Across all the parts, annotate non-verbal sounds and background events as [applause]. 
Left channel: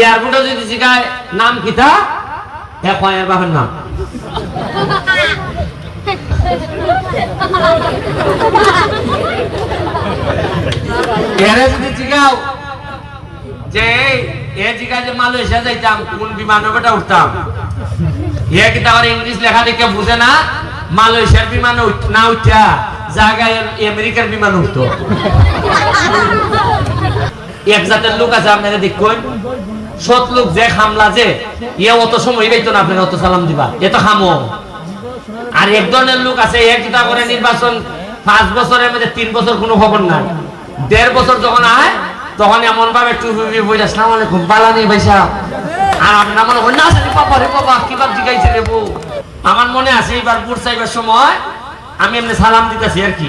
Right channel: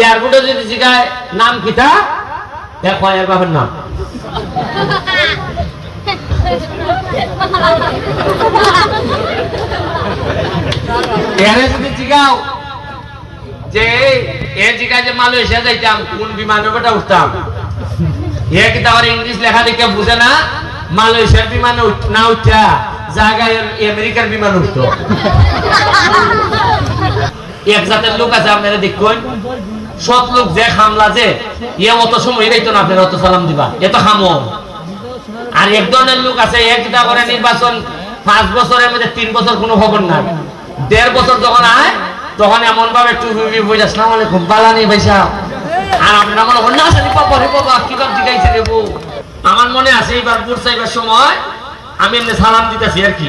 এয়ারপোর্টে যদি জিগায়, নাম কিতা এক হয় এর বাপের নাম। এরা যে এ কোন বেটা উঠতাম? ইংলিশ লেখা বুঝে না? মালয়েশিয়ার বিমানে না উঠা জায়গায় আমেরিকার বিমান উঠতো। এক জাতের লোক আছে, আপনারা দেখুন। সৎ লোক যে হামলা যে ইয়ে অত সময় পাইতো না আপনারা অত সালাম দিবা? এত খামো আর এক ধরনের লোক আছে একটা করে নির্বাচন পাঁচ বছরের মধ্যে তিন বছর কোনো খবর না। দেড় বছর যখন আয়, তখন এমন ভাবে টুপি বইটা আসসালাম আলাইকুম, পালা নেই ভাইসা। আর আপনারা মনে করেন বাবা রে বাবা কি বাপ জিগাইছে রে বউ? আমার মনে আছে এবার বুট সাইবের সময় আমি এমনি সালাম দিতেছি আর কি।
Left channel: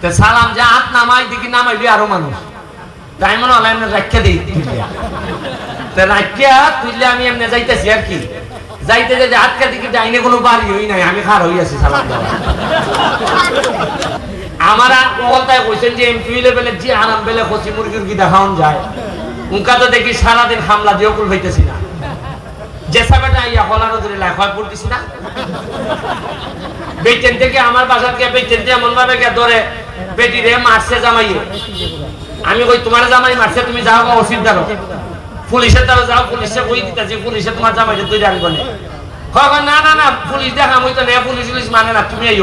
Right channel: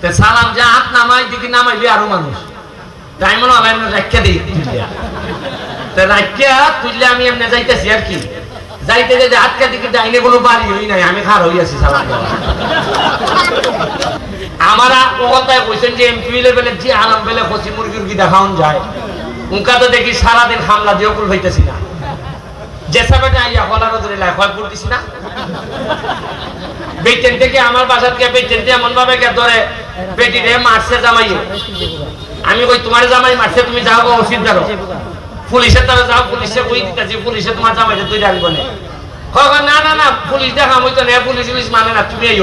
তো সালাম যা হাত নামাই দিকে নামাইবি আরও মানুষ। তাই মনে এমনি রাখিয়া দিই আমি নাই দেখি সারাদিন হামলা দিয়ে কুল হইতেছি না। যে সাবেটা হলা নজরে লাই পড়তিছি না? বেটেন থেকে আমার বাসার বেটেন থেকে এমন ভাবে গিয়ে ধরে, বেটি মারছে জামাইয়ে। আমি কই, তোমার জামাই মারছে, তুমি যাও গো পুলিশের দ্বারা যাও পুলিশে কই দিতেছি পুলিশে তোমার জামাইকে তুই জানব না। কখন না না না, পুলিশ দেখা আমি তো নে পুলিশ পুলিশ মানে না তুমি এই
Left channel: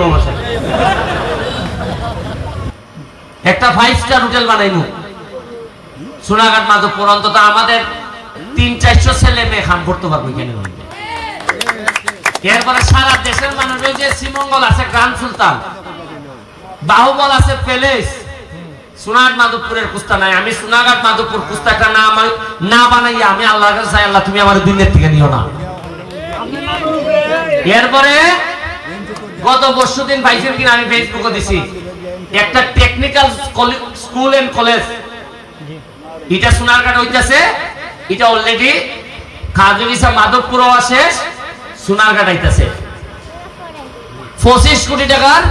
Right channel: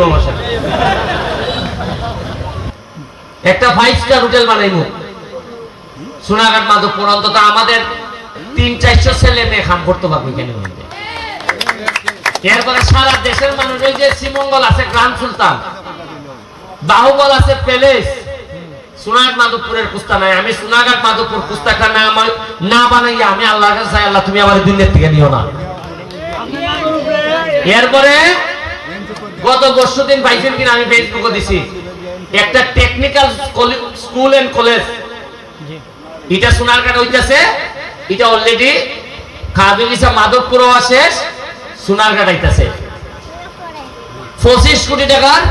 একটা ফাইভ স্টার হোটেল বানাইনো সোনাঘাট মাধবপুর অন্তত আমাদের তিন, চারশো ছেলে মেয়ে খান করতে পারব এখানে। এরপরে সারা দেশের মানুষ যে শ্রীমঙ্গল আছে, গান সুলতান। বাহুবল আছে, প্যালেস। সোনাঘাট মাধবপুরের কুস্তা নাই। আমি মাধবপুর না আমার না বানাইয়া আমি আল্লাহ তুমি আমার দুনিয়ার থেকে নিও না। এরপরে গত বছর দিন আমি দিছি। একটা টেকনিক্যাল স্কুল এন্ড কলেজ এটা সোনারঘাট হইতাছে। এটা অলরেডি কাজলিসা মাধবপুরও আছে সোনারঘাট আইতাছে। পঁচিশ কোটি টাকার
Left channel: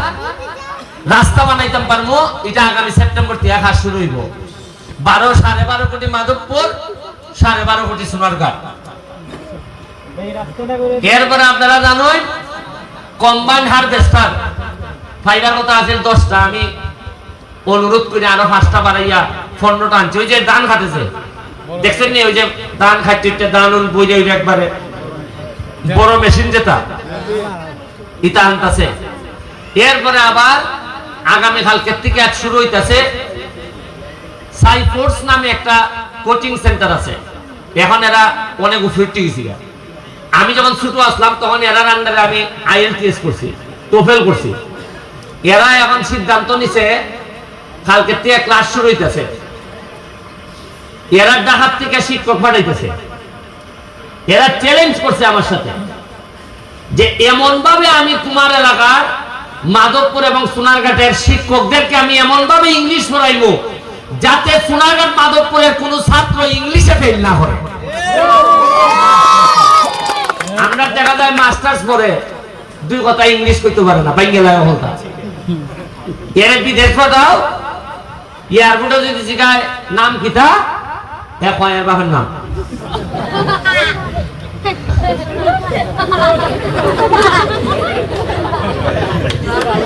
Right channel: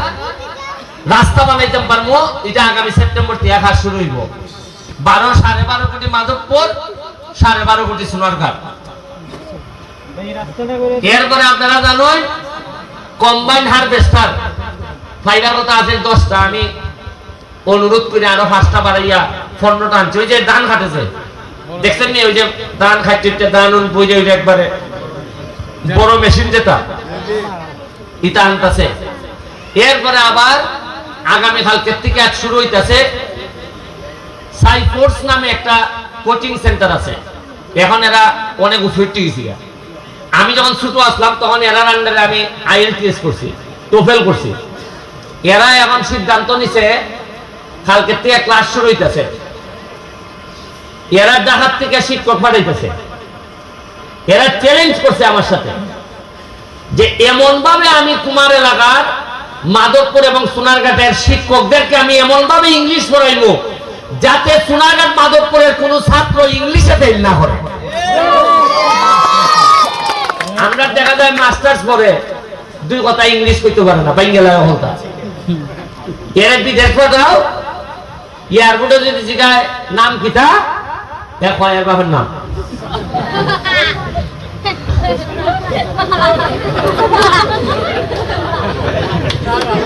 রাস্তা বানাইতাম পারব, এটা আগামী সেপ্টেম্বর থেকে কাজ শুরু হইব। বারো, সাড়ে বারো কোটি মাধবপুর, সাড়ে বারো কোটি সোনারঘাট এরপরে আপনারা জানেন কম্বাইন হারভেস্টার, ফাইবার কথা আছে দশটা, আমি অনুরোধ করে আরও পাঁচটা বাড়াইয়া পনেরোটা আনছি। ওই যে ধান খাটেছে, দেখছেন নি? ওই যে ধান ওইটা ধান বই যাইবে একবারে। বড় মেশিন যেটা, ইটা আনতেছে। এরপরে আবার আগামী কালকে থেকে এক শুরু হইতাছে সাইফোর্স নামে একটা কোচিং সেন্টার আছে। এখন এরা অনেক উফিরটি গেছি আমি যখন ছোট আসলাম, তখন এরার আন্ডারে আমি আইএলটিএস করছি টোফেল করছি। এরা এখন সিদ্ধান্ত নিছে কালকে থেকে ক্লাস শুরু হইতেছে। এরা ডাকাত থেকে শিক্ষক পাঠাইতেছে। এরা চ্যালেঞ্জ করছে আমার সাথে যে এমন ভাবে আমি তোমার এলাকার মাধবপুর এবং সোনারঘাটের শিক্ষকদেরকে আমি এমন ভাবে ইংলিশ পড়াইবো যাতে সোনারঘাট মাধবপুরের কোন ছাত্র ইংলিশে ফেল না করে আমরা দেখা যায় মাস্টার্স পড়ে, দুই কথা ইংলিশ করতে পারে না বাঙ্গেলায় হলতা। এর বিদেশ পাঠাও, এয়ারপোর্টে যদি জিগায়, নাম কিতা হয় এর নাম। [laughs]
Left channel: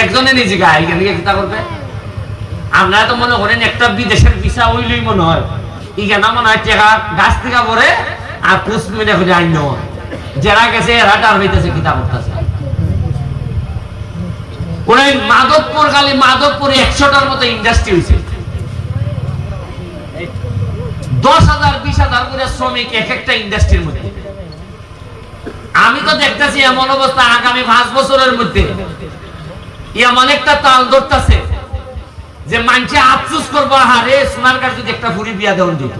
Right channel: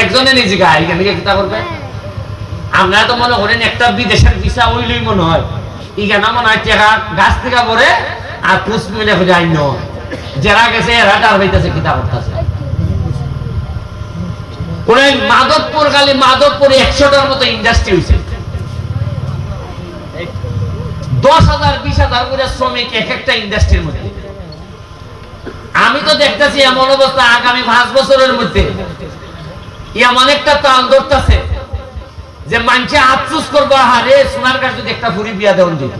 একজনে নিজে গা এখানে গিয়ে খিতা করবে? আপনারা তো মনে করেন একটা বিদেশের ভিসা উইলই মনে হয়। এখানে মনে হয় টাকা গাছ থেকে পরে আর পুষ মিলে খুঁজে আইন যারা গেছে এরা টার হইতেছে খিতা করতেছে। ওই মাধবপুর খালি মাধবপুরে একশোটার মতো ইন্ডাস্ট্রি হয়েছে দশ হাজার, বিশ হাজার করে শ্রমিক এক একটা ইন্ডাস্ট্রির মধ্যে। আমি তো দেখতেছি এমন অবস্থা আগামী পাঁচ বছরের মধ্যে। এমন একটা তাল ধরতেছে। যে মানুষে আফসুস করব হারে সোনার কাছে যদি একটা ফুরি বিয়া দেওয়া দিত।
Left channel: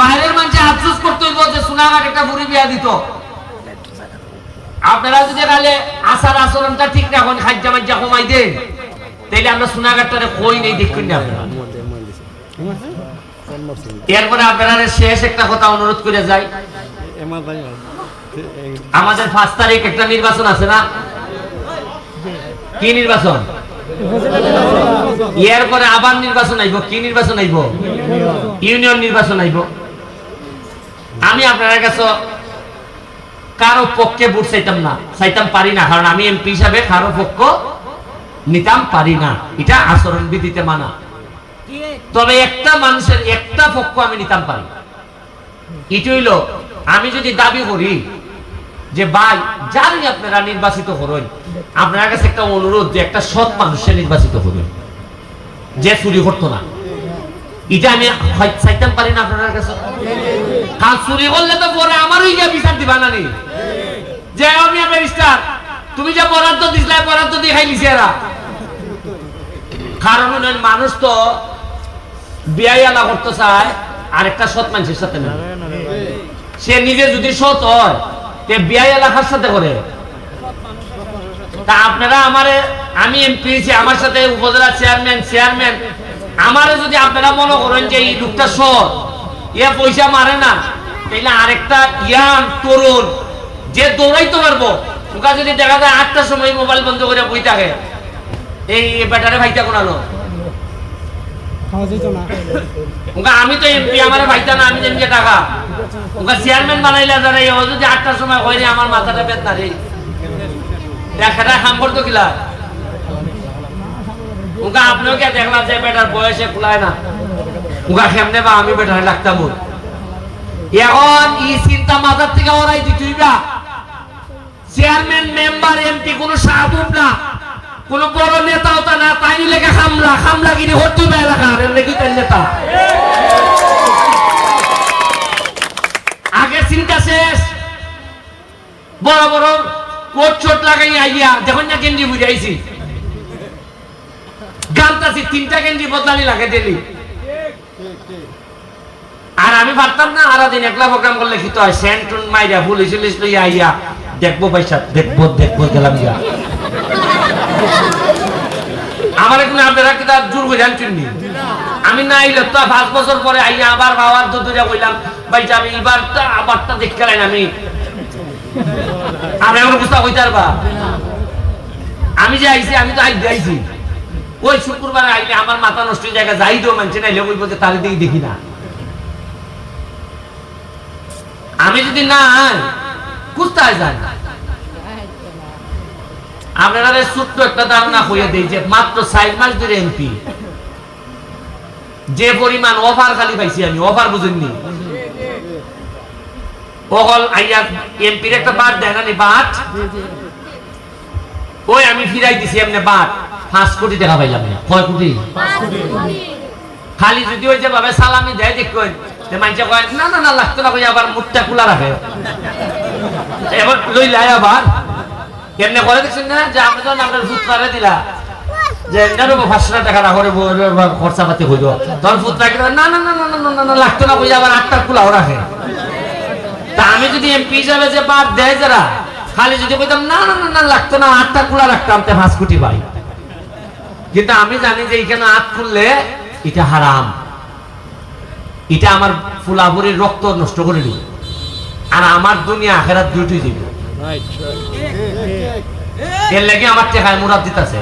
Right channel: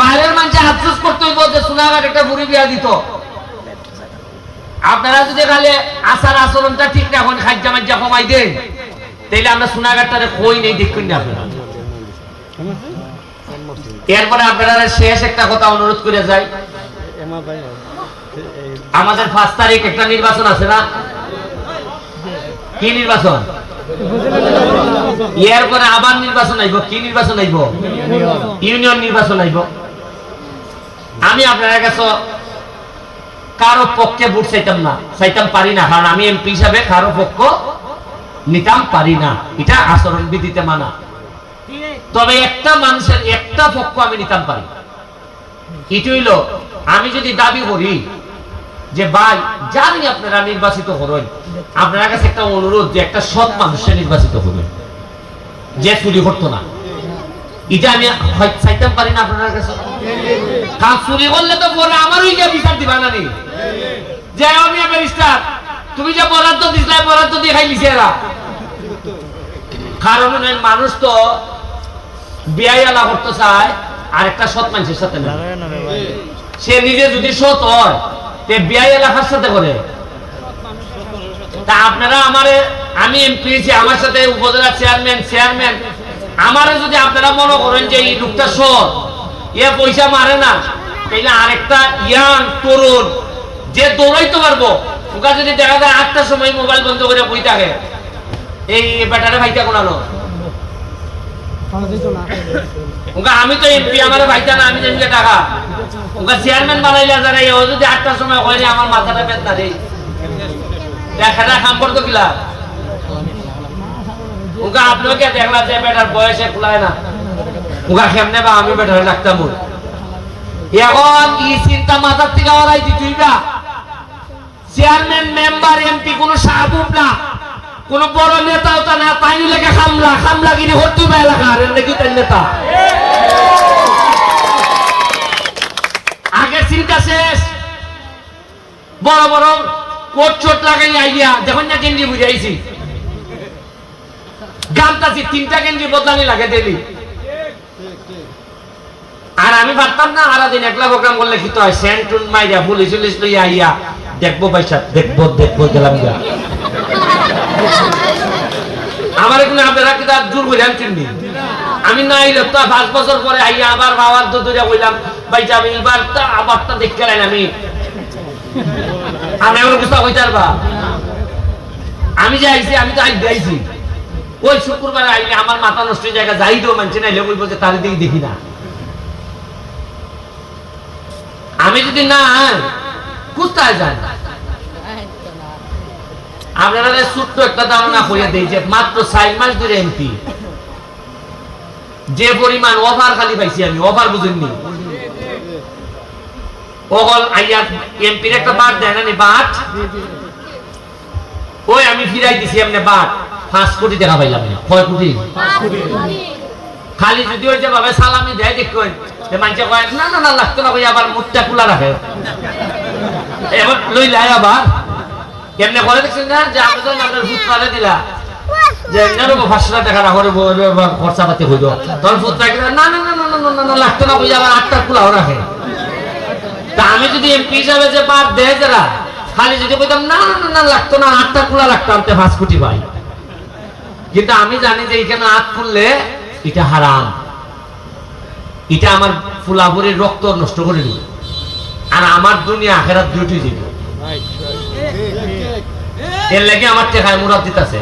বাইরের মানুষ আফসোস করতে হইব যে সোনাঘাট একটা বিয়া দিত। আপনারা যদি আসার আচরণটা ঠিক রাখুন খাদ্য মাজ্জা কমাই দেন তাইলে আমরা কই নেই দেখুন না আপনারা এরপরে আপনারা শেষ একটা কথা অনুরোধ করে যাই। আমাদের পাঁচ তারিখ একটা নির্বাচন আছে না? কি নির্বাচন? এর পরে আবার নির্বাচন আইব কি নির্বাচন আইব ইউনিয়ন নির্বাচন আইব আমি আপনার কাছে কারও পক্ষে ভোট চাইতাম না, চাইতাম পারি না কারণ আমি এমপি হিসাবে কারও পক্ষ নিতাম পারি না। এটা আচরণ বিধিতে মানা। তবে একটা মানুষের একটা পক্ষ আমি নিতাম পারি। এটি হইল আমি যদি দাবি করি যে ভাই, জানি আপনারা নির্বাচিত করেন আপনার কাছে একটা অনুরোধ যে একটা সৎ মানুষের নির্বাচিত করুন যে চুরি করতো না। এটা আমি চাইতাম পারি না আপনার কাছে। কাল চুরি করলে তো পরে আমারই গিয়ে বিচার দিবা না যে আমি ব্যারিস্টার, তুমি যে বরাদ্দ দিছিলা বরাদ্দ দিয়ে এরা। কারণ মানুষ তো বিয়াই আলা করতে চায়, আর একটা সৎ মানুষের সাথে সে নিজে যদি সৎ হয় তে বিয়াই এলাকার সাথে করে। তা আপনারা আমারে আমি এমপি আমার সাথে উপজেলা চেয়ারম্যান চেয়ারম্যান আমারে যদি আপনারা মনে করেন যে এই লোকটা সৎ এ পয়সা মারে না তাইলে আরেকটা ইয়াং তরুণ যে দৌড়াইতে পারব ওকা যদি দেখা যায় আটটার সময় মোবাইল বন্ধ করে বই থাকে এই ব্যাটারে ভাইটা কোনালো আমি তো এমপি আমার ভাইটা না আমি টাকা। আমি বেটারে লাগতাম। এখন ই চিন্তা মাথার থেকে ওরাই দিতুইবা চেয়ারম্যান মেম্বার এমপি কোনো সাধু না। কোন বড় নেতা না তাই লেগে খামলা খামলা গিরি হতো না এলাকার নেতা? কোট চোট লাগাই আইয়া যখন না গেঞ্জি বুঝাইছি। গামতাছি তিনটা গেঞ্জি বদলানি লাগে দিলি আর আমি পারতাম না আর দিন একলা করলে মাইরা পুলিশ লইয়া আইয়া দেখব পয়সা, দেখব দেখব, গেলাম গিয়া। আমার কোনো আপনারা কি তার জোর আমি না আইলে তো পাঁচ বছর পরে আইয়া আবার বাবার দূরে বললাম ভাই আমি এবার তো আবার তো দেখতে আমি। আমি যে আইছি, আমি তো ওই শুক্রবারে আইলে আমার মাথা নষ্ট জায়গা যাই তো মানছে না তার দিকে দেখি না। আমি যদি না কোথায় যাই? আপনারা ছোট্ট একটা হইয়া দেই যে অফার খালি পাইছি আমি অফার বুঝেননি। অকল আইয়া এমপির একটা বাট দেয় না বাট? ওই আমি ফিরাই দিছি এমনি বাট। পাঁচ কোটি টাকা পাইলাম না। কয় কোটি? খালি যদি ওই যে ভাবে সালামি দেয় দেখুন যে মানুষে কয় না না না লাগতো না আবার মুখটা খোলা রাখে। এবার লই লাই আবার। কেমনে করে দেখছেন না যে আমি তো ভূত পালে দিলা। যে এমনি পাঁচশো টাকা রাখরে খরচা পাতি হইল। তখন ভূত রাখলে না না না না না না, লাগতো না বুঝে আবার আটটা খোলাও রাখে। তা আমি যদি এমপি হিসাবে যে বাদ দেয় যারা, খালি যদি বলতাম, না না না না, লাগতো না, আটটা খোলা রাখতাম তে পাঁচ কোটি পাই কিন্তু আমি জানি যে এখানে আট খুললে এটা হারাম। এটা আমার ফুলাফুরির রক্ত নষ্ট করে দিল আর আমার দুনিয়া আখেরাত দুইটি দিব এর লাগে আমার টেকায় মুরাদ দিতেছে।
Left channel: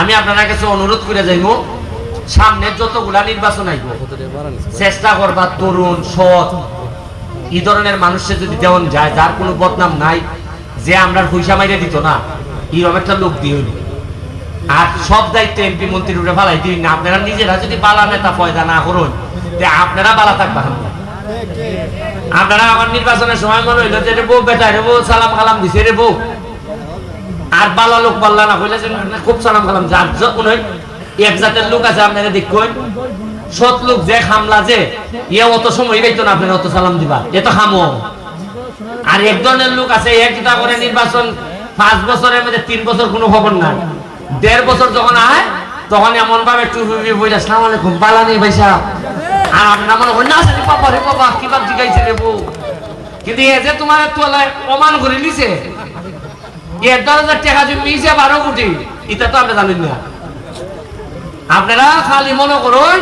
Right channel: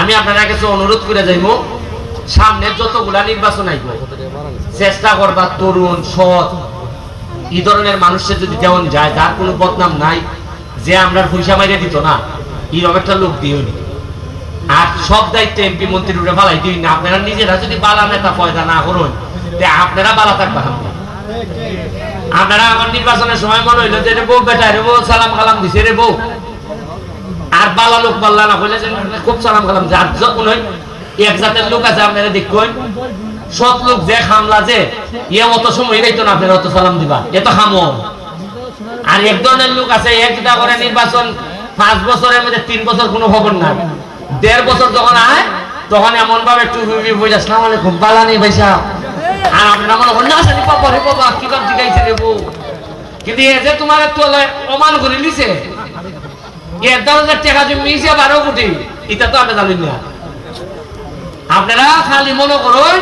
আমি আপনার কাছে অনুরোধ করে যাইব, সামনে যতগুলা নির্বাচন আইব, চেষ্টা করবা তরুণ, সৎ এই ধরনের মানুষের যদি যেমন যায়, যার কোনো বদনাম নাই, যে আমরা পয়সা মাইরে দিত না এরকম একটা লোক দিও নি। আর সব দায়িত্ব এমপি মন্ত্রী উঠে ফালাই দিই না। আপনারা নিজেরা যদি বালা নেতা পয়দা না করুন আপনারা বালা থাকবা না। আপনারা আমার নির্বাচনের সময় মনে হইল যে বউ, বেটা রে বউ, সালাম কালাম দিছে রে বউ। আর বালা লোক বাল্লা না কইলে যে, খুব সালাম কালাম যার যখন হয়, এক জাতের লোক আছে, আপনারা দেখুন সৎ যে খামলা যে ইয়ে অত সময় পাইতো না আপনারা অত সালাম দিবা। এ তো খামো আর এক ধরনের লোক আছে একটা করে নির্বাচন, পাঁচ বছরের মধ্যে তিন বছর কোনো খবর নাই। দেড় বছর যখন আয়, তখন এমন ভাবে টুপি বইটা সালাম আলাইকুম, বালা নেই আর না বাবা বাবা, কি শিখাইছে রে বউ? কিন্তু এ যে তোমার তোলায় অমান করে নিছে। দশ হাজার টাকা জমি বারো কোটি। এটা তো না। আপনারা খালি মনে করুন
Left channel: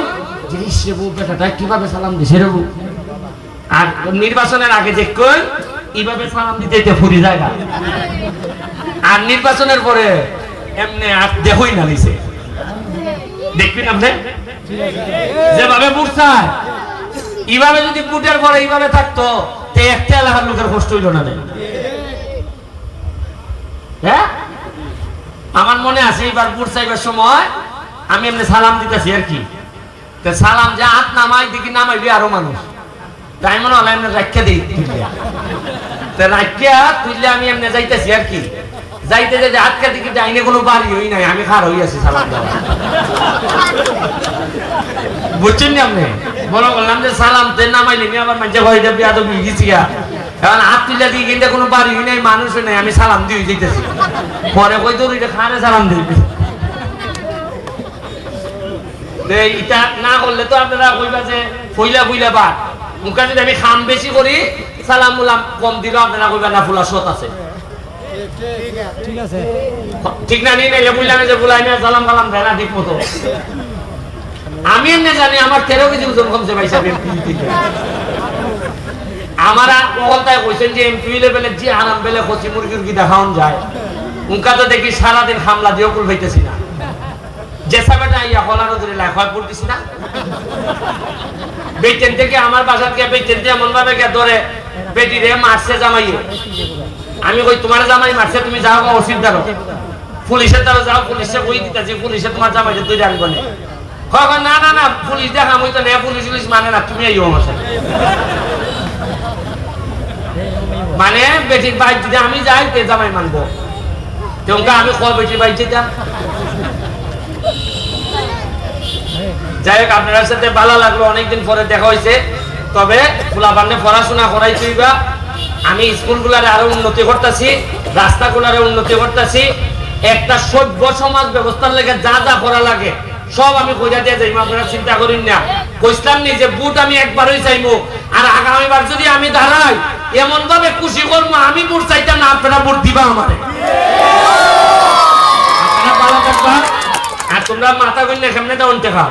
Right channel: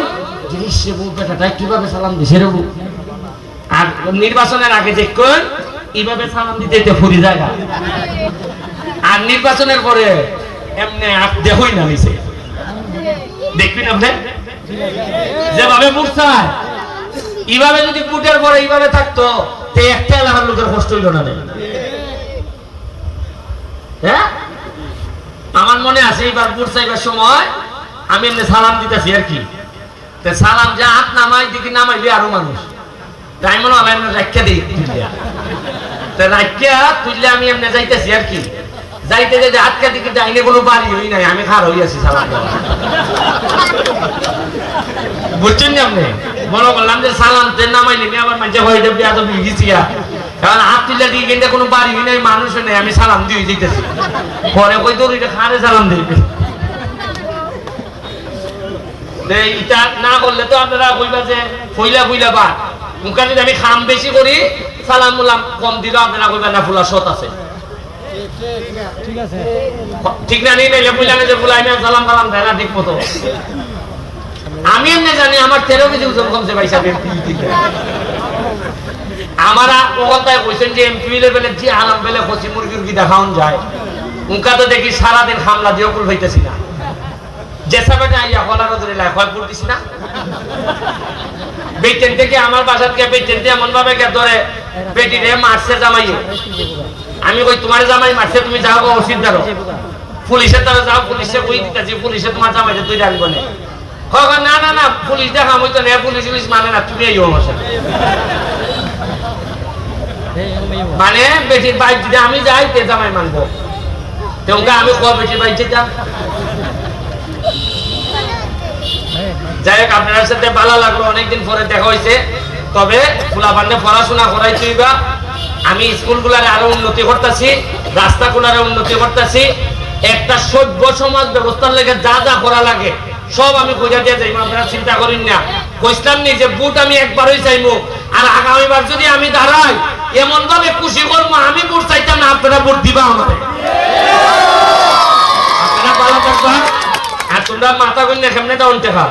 কীভাবে সালাম দিছে? রে আর নির্বাচনের আগে দেখুন এইভাবে সালাম দিতে এটা ফুরি জায়গা আর নির্বাচনের পরে এমনি আর দেখই না নিছে দেখবেন আপনি? যেভাবে বুঝছায় এইভাবে যদি বুটের পরে এইভাবে থাকতো, তে একটা এলাকার লোকের কষ্ট হইল না। হ্যাঁ? আমার মনে আছে, এইবার বুট চাইবার সময় আমি এমনি সালাম দিতেছি আর কি। সালাম যা হাত নামাই, দিকে নামাইবি আরও মানুষ। তাই মনে এমনি রাখিয়া দিই তুলিয়া তে রাখিয়া তুললে আমি এমনি যাইতেছি আর কি। যাইতে যাইতে হাতকে দিকে ডাইনে কোনো বাড়ি হই নাই, আমি খার হই আছি সালাম দেওয়া বুঝছেন না আপনি? মনে করলাম যে সালাম তে নামাই নিবি আবার মানুষে ভয় দেবি এত বিগিছি কারণ হাত তুলে দিয়ে কিন্তু কোনো বাড়ি নাই, মানুষও নেই, আমি সালাম দিয়ে দিতেছি পরে কই তোর খানে সালাম যে ইটা না যে আমি খাম বেশি করি, সালাম কম দিলেও আপনারা কইবা না, ফুলা সত আছে। ঠিক না সালাম কালাম দেয় না, ঠিক মতো। আমি এমনি জানি আমার তেরো কেজি ওজন কমছে ভাই সাহেব, এমপি আমার ওখানটায় কইছেন যে এমপি লেভেলে যে আলাম বেলে কচি কি দেখাউন যায়। উনকা তো দেখি সারাদিন হামলা দিয়ে কুল হইতেছি না। যে সাবে না ইয়া হলা নজরে লাই হয় পড়তেছি না? বেটেন থেকে আমার বাসার থেকে বেটেন দিয়ে এমন ভাবে গিয়ে ধরে, বেটি রে মারছে জামাইয়ে। আমি কই, তোমার জামাই মারছে, তুমি যাও গো ওসির দাঁড়ো পুলিশের দ্বারা যাও, পুলিশে কই দিতেছি, পুলিশে তোমার জামাই তুই জানব না। কখন না না না, পুলিশ দেখা মই তো না, পুলিশ পুলিশ মানে না, তুমি এই আমার সাথে। মানে বেটির বাইক দিতে আমি যাই, তে জামাই মানবো। তোমাকে আমি ক বেটির বাইক যেতাম যাই হোক আপনার সাথে ভালো লাগল, অনেকদিন পরে দেখা হয়েছে। তবে ফুলাপান্নে পড়াশোনা করাইছি বা আমি স্কুলগুলার আরও উন্নতি করতেছি, রাস্তাগুলার উন্নতি করতেছি। একটা সভ্য সমাজ ব্যবস্থার লেগে যা যা করা লাগে, সব আমি খুঁজে দিয়ে যাইব, আপনারা চিন্তা করেন না। কইসলাম নি যে বুট আমি একবারই চাইব, আর আগামীবার যদি আমি দাঁড়াই এমন ভাবে খুশি করব, আমি বুট চাইতাম না, আপনারা বুট দিবা আমার। আর তোমরা মাথা করলে সামনে তো অন্তে খাও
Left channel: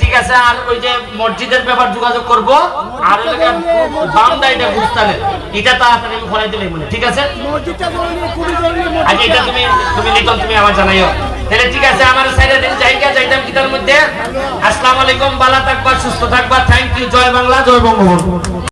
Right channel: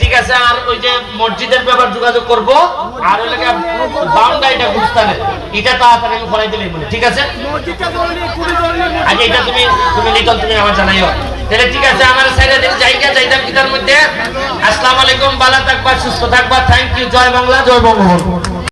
ঠিক আছে, আর ওই যে মসজিদের ব্যাপার যোগাযোগ করব, আর ওই লাগে এটা তাড়াতাড়ি আমি ঠিক আছে? আগে এটা তুমি তুমি নিতন তুমি আমার জানাইও। ঠিক আছে, আমার সাইডে যাইতাম কিতার মধ্যে? আসসালামু আলাইকুম, ভালো থাকবা, সুস্থ থাকবা থ্যাংক ইউ জয় বাংলা, জয় বঙ্গবন্ধু।